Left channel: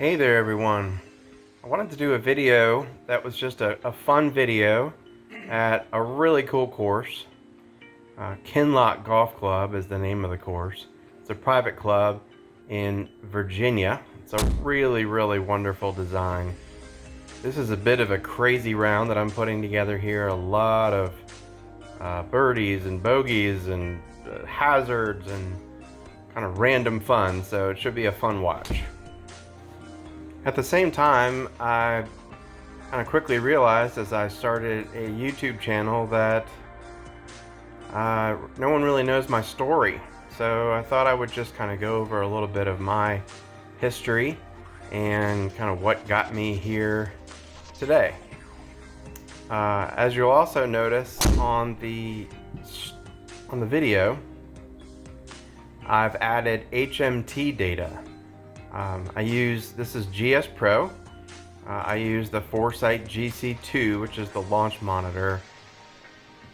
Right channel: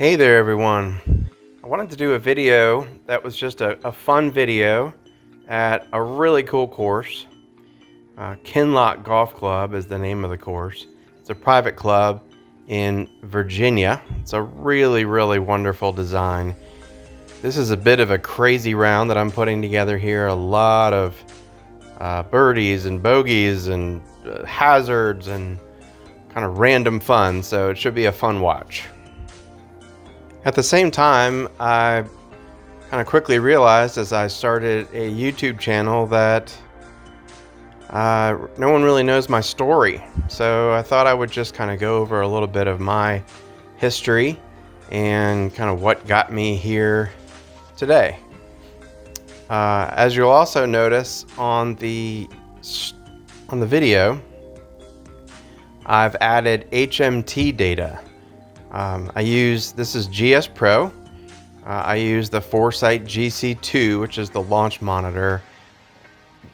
Hey there everyone. I wanted to do a video that was just a fun video at a really cool course. Kinloch Golf Club is the name of the course. It's a private club in Virginia. It's a really wonderful design. This is a bit of a crazy round that I'm putting together here. A lot of birdies and bogies and hazards and kind of random fun, so it should be a fun watch. At the same time, I kind of quickly realized as I started a YouTube channel that no one really knows my story. So I thought I would just kind of go over a little bit of my history and kind of what got me here today. As you'll also notice on the video, I've added HMT data. This is GSPro. I use the Foresight GC2, which is the launch monitor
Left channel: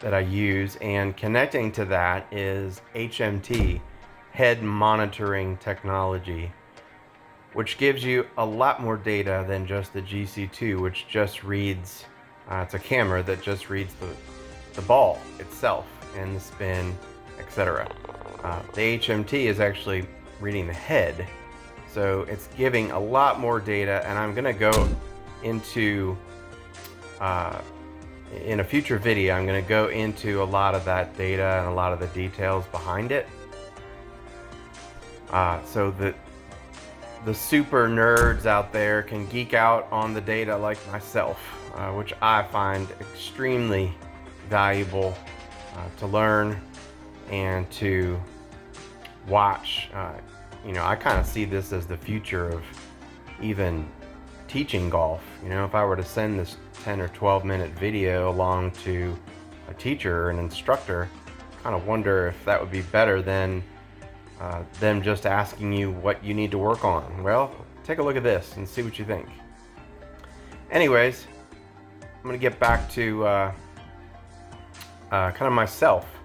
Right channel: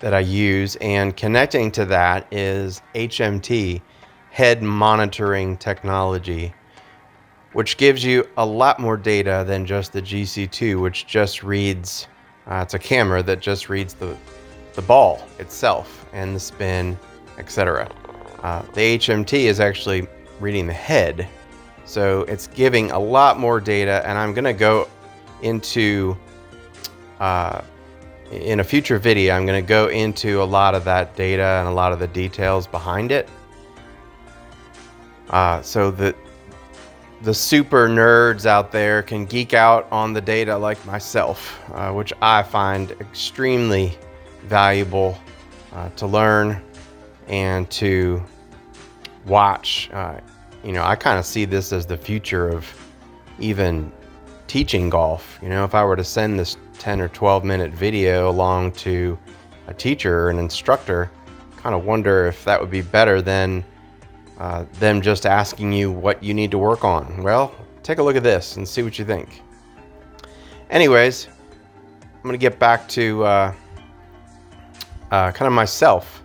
that I use, and connecting to that is HMT, head monitoring technology, which gives you a lot more data than just the GC2, which just reads, it's a camera that just reads the ball itself and the spin, etc. The HMT is actually reading the head. So it's giving a lot more data, and I'm going to go into, in a future video, I'm going to go into a lot of that data and a lot of the details behind it. So that the super nerds out there can geek out on the data like myself, which I find extremely valuable to learn and to watch. I kind of see this as the future of even teaching golf. If I were to send this 10 or 12 minute video along to a teacher or an instructor, kind of wonder if that would be better than them just asking you what you need to work on. Well, take a look at this and see what you think. Anyways, I'm going to get back to kind of myself,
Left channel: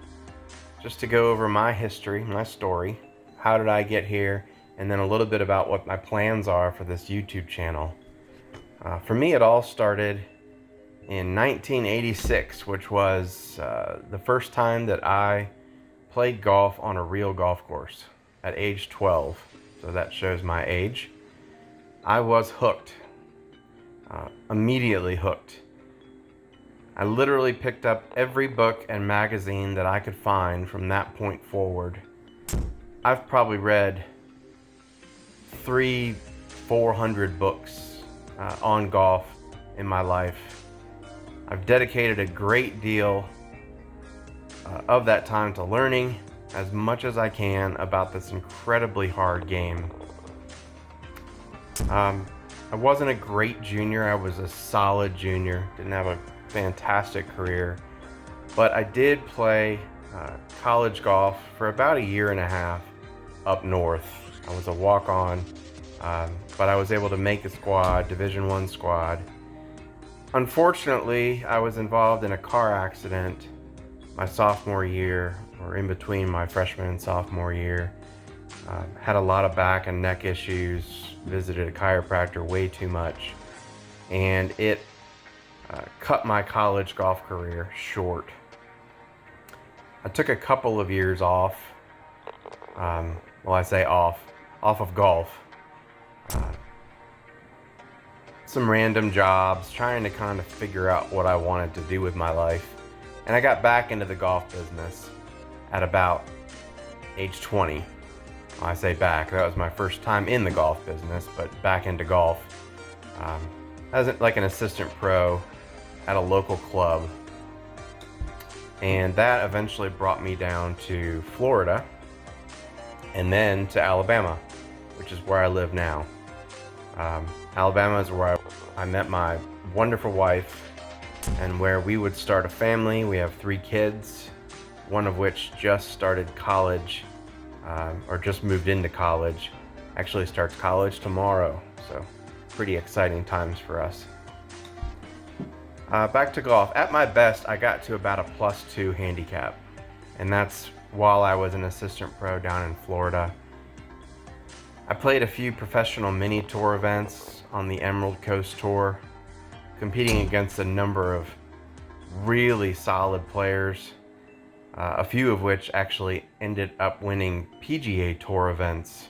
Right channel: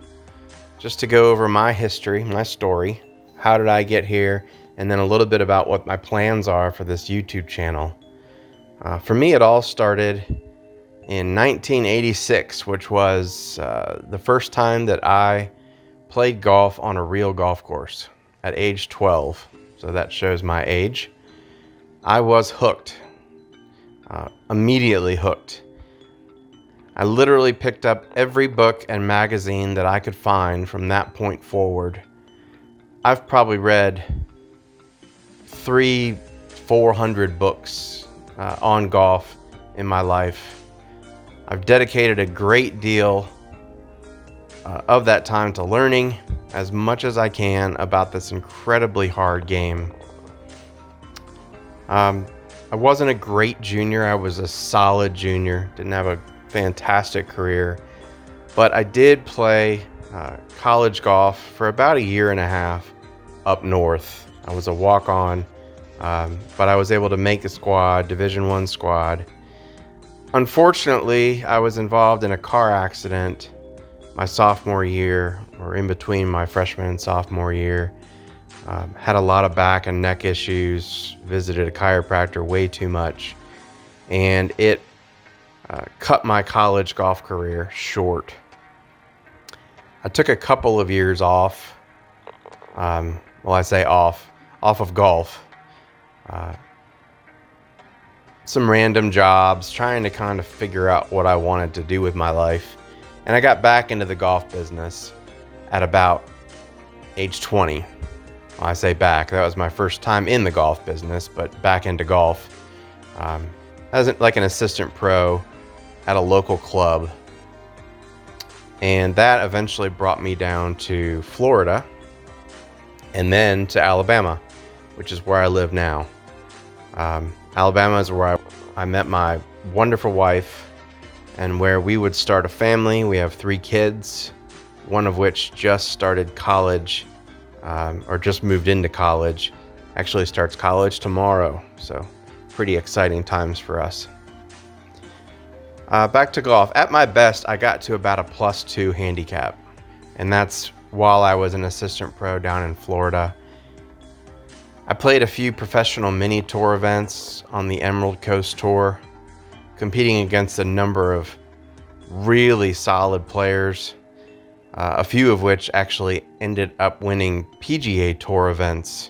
just to go over my history, my story. How did I get here? And then a little bit about what my plans are for this YouTube channel. For me, it all started in 1986, which was the first time that I played golf on a real golf course at age 12. So that shows my age. I was hooked, immediately hooked. I literally picked up every book and magazine that I could find from that point forward. I've probably read 400 books on golf in my life. I've dedicated a great deal of that time to learning as much as I can about this incredibly hard game. I wasn't a great junior. I was a solid junior. Didn't have a fantastic career, but I did play college golf for about a year and a half up north. I was a walk-on, but I was able to make the squad, Division I squad. Unfortunately, I was involved in a car accident my sophomore year, or in between my freshman and sophomore year. Had a lot of back and neck issues, visited a chiropractor way too much, and it cut my college golf career short. I took a couple of years off. I say off of golf. Some random jobs, trying to kind of figure out what I wanted to do with my life. And I got back into the golf business at about age 20. I say back, that was my first time in the golf business, but back into golf. As like an assistant pro at a local club. And that eventually brought me down to Florida and then to Alabama, which is where I live now. Alabama is where I met my wonderful wife and where we would start a family. We have 3 kids, one of which just started college, or just moved into college. Actually starts college tomorrow, so pretty exciting times for us. Back to golf. At my best, I got to about a +2 handicap, and that's while I was an assistant pro down in Florida. I played a few professional mini tour events on the Emerald Coast Tour, competing against a number of really solid players, a few of which actually ended up winning PGA Tour events.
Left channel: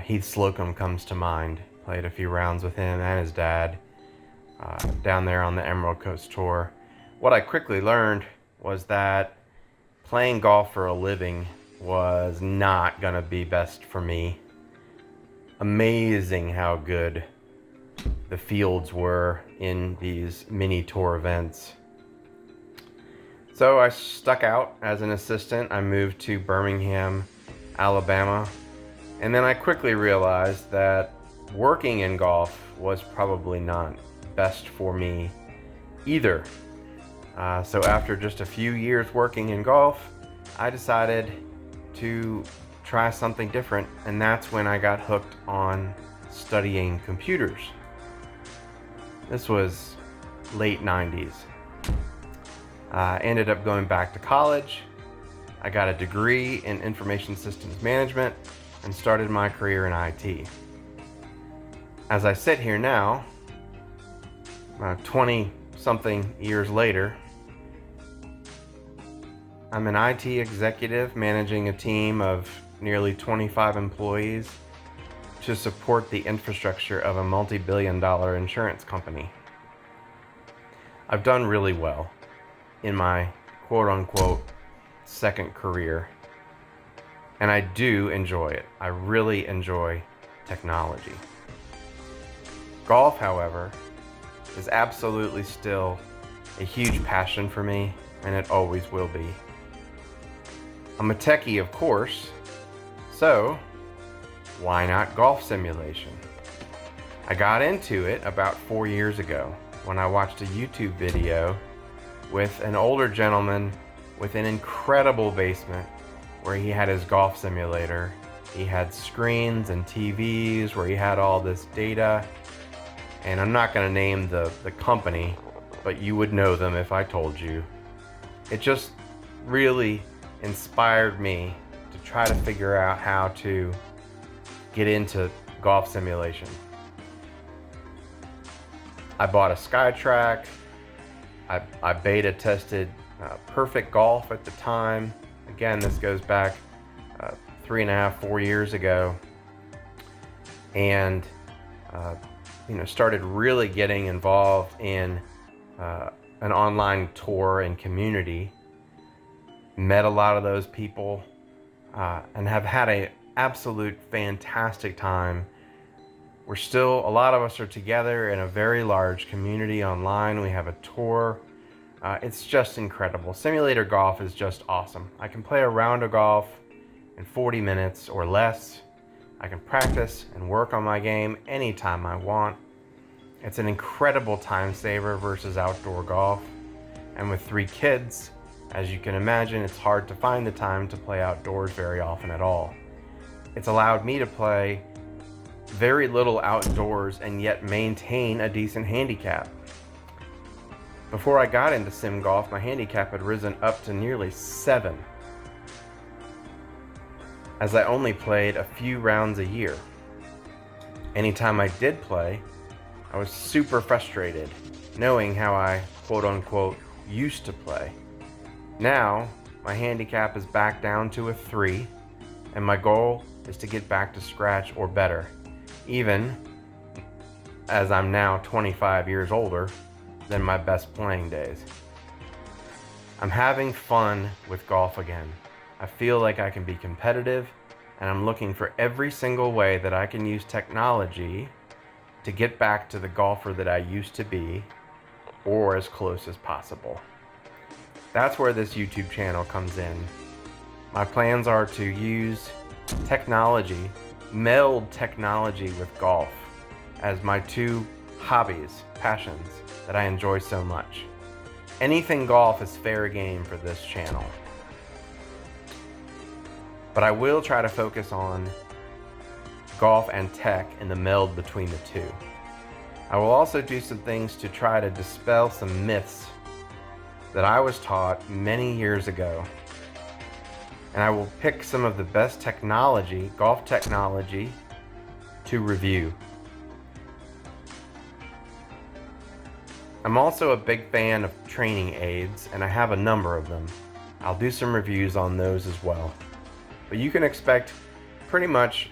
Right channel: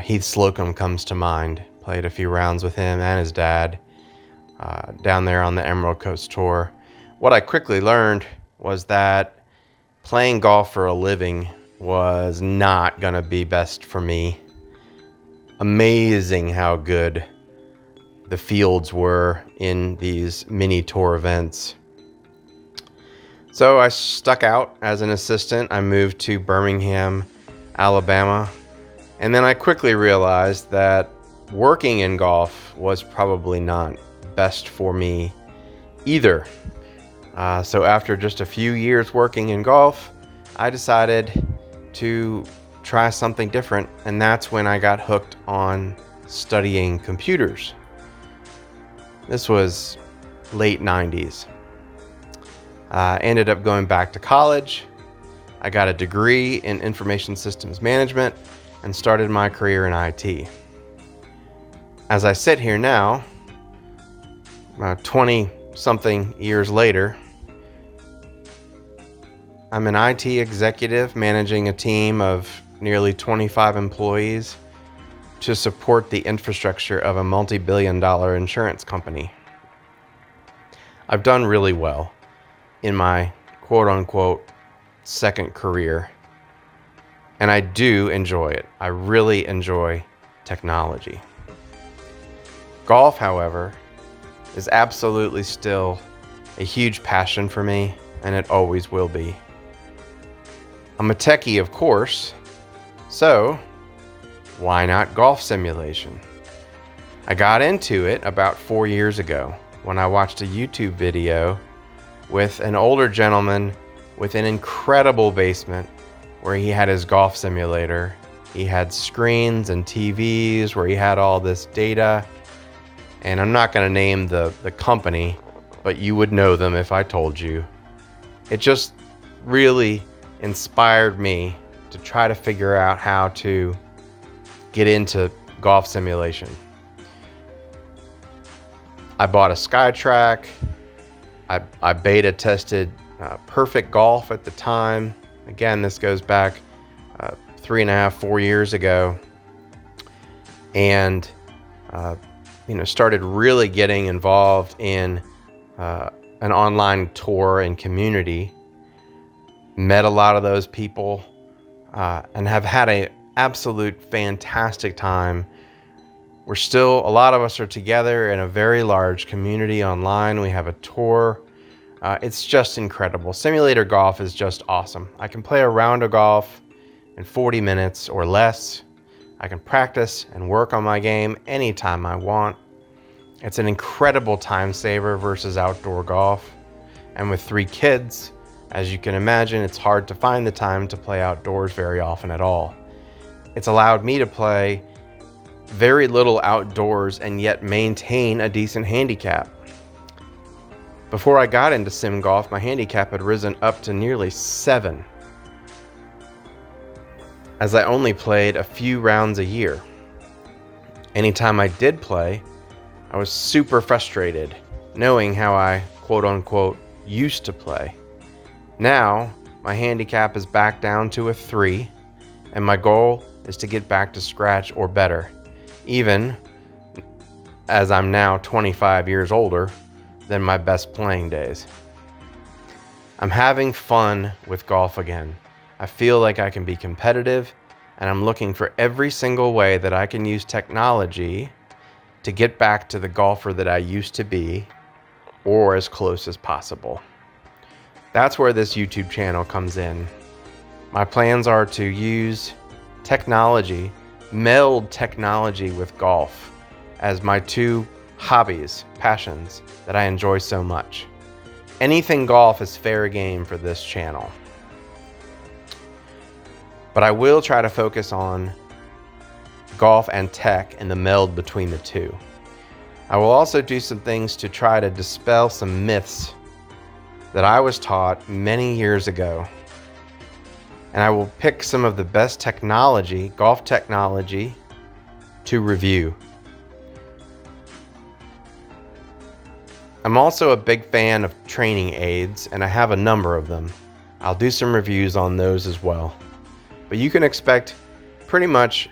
Heath Slocum comes to mind. Played a few rounds with him and his dad down there on the Emerald Coast Tour. What I quickly learned was that playing golf for a living was not going to be best for me. Amazing how good the fields were in these mini tour events. So I stuck out as an assistant. I moved to Birmingham, Alabama, and then I quickly realized that working in golf was probably not best for me either. So after just a few years working in golf, I decided to try something different, and that's when I got hooked on studying computers. This was late 90s. Ended up going back to college. I got a degree in information systems management and started my career in IT. As I sit here now, 20 something years later, I'm an IT executive managing a team of nearly 25 employees to support the infrastructure of a multi-billion-dollar insurance company. I've done really well in my quote-unquote second career, and I do enjoy it. I really enjoy technology. Golf, however, is absolutely still a huge passion for me, and it always will be. I'm a techie, of course, so why not golf simulation? I got into it about 4 years ago when I watched a YouTube video with an older gentleman with an incredible basement where he had his golf simulator. He had screens and TVs where he had all this data. And I'm not going to name the company, but you would know them if I told you. It just really inspired me to try to figure out how to get into golf simulation. I bought a SkyTrack. I beta tested Perfect Golf at the time. Again, this goes back 3.5, 4 years ago. And started really getting involved in an online tour and community. Met a lot of those people and have had an absolute fantastic time. A lot of us are together in a very large community online. We have a tour. It's just incredible. Simulator golf is just awesome. I can play a round of golf in 40 minutes or less. I can practice and work on my game anytime I want. It's an incredible time saver versus outdoor golf. And with 3 kids, as you can imagine, it's hard to find the time to play outdoors very often at all. It's allowed me to play very little outdoors and yet maintain a decent handicap. Before I got into sim golf, my handicap had risen up to nearly 7, as I only played a few rounds a year. Anytime I did play, I was super frustrated, knowing how I, quote unquote, used to play. Now, my handicap is back down to a 3, and my goal is to get back to scratch or better, even as I'm now 25 years older than my best playing days. I'm having fun with golf again. I feel like I can be competitive, and I'm looking for every single way that I can use technology to get back to the golfer that I used to be, or as close as possible. That's where this YouTube channel comes in. My plans are to use technology, meld technology with golf as my 2 hobbies, passions that I enjoy so much. Anything golf is fair game for this channel. But I will try to focus on golf and tech and the meld between the two. I will also do some things to try to dispel some myths that I was taught many years ago. And I will pick some of the best technology, golf technology, to review. I'm also a big fan of training aids, and I have a number of them. I'll do some reviews on those as well. But you can expect pretty much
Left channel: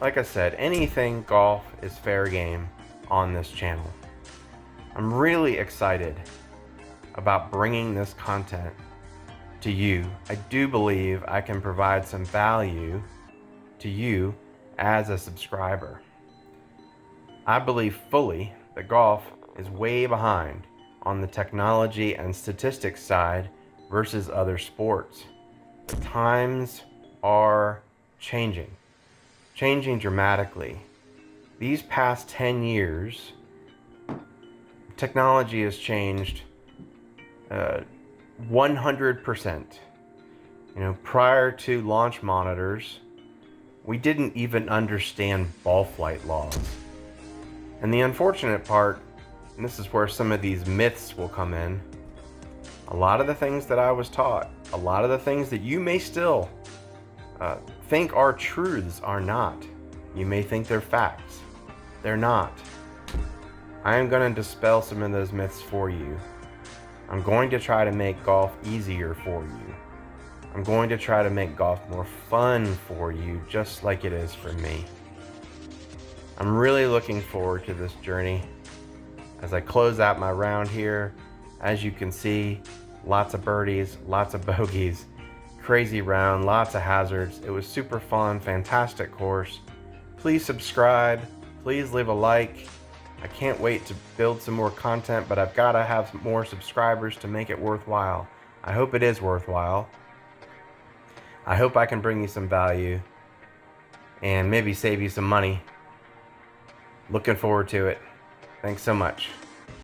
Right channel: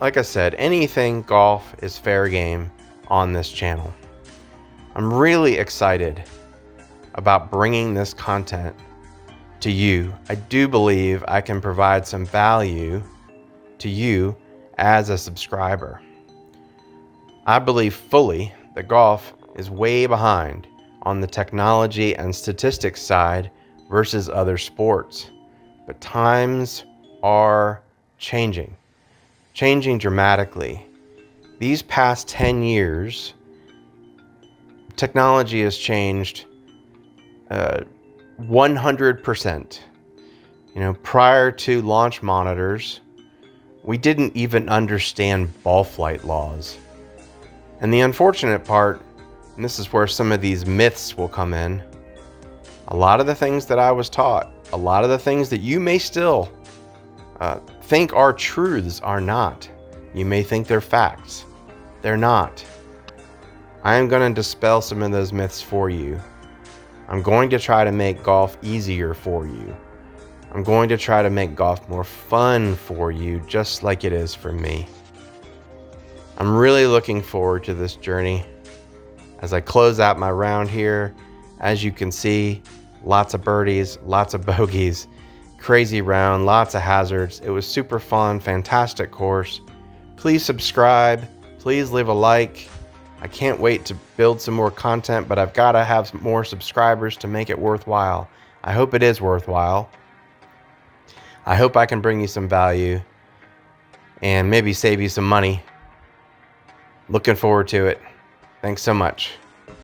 like I said, anything golf is fair game on this channel. I'm really excited about bringing this content to you. I do believe I can provide some value to you as a subscriber. I believe fully that golf is way behind on the technology and statistics side versus other sports. The times are changing dramatically. These past 10 years, technology has changed 100%. Prior to launch monitors, we didn't even understand ball flight laws. And the unfortunate part, and this is where some of these myths will come in, a lot of the things that I was taught, a lot of the things that you may still think are truths are not. You may think they're facts. They're not. I am going to dispel some of those myths for you. I'm going to try to make golf easier for you. I'm going to try to make golf more fun for you, just like it is for me. I'm really looking forward to this journey. As I close out my round here, as you can see, lots of birdies, lots of bogeys, crazy round, lots of hazards. It was super fun, fantastic course. Please subscribe, please leave a like. I can't wait to build some more content, but I've got to have more subscribers to make it worthwhile. I hope it is worthwhile. I hope I can bring you some value and maybe save you some money. Looking forward to it. Thanks so much.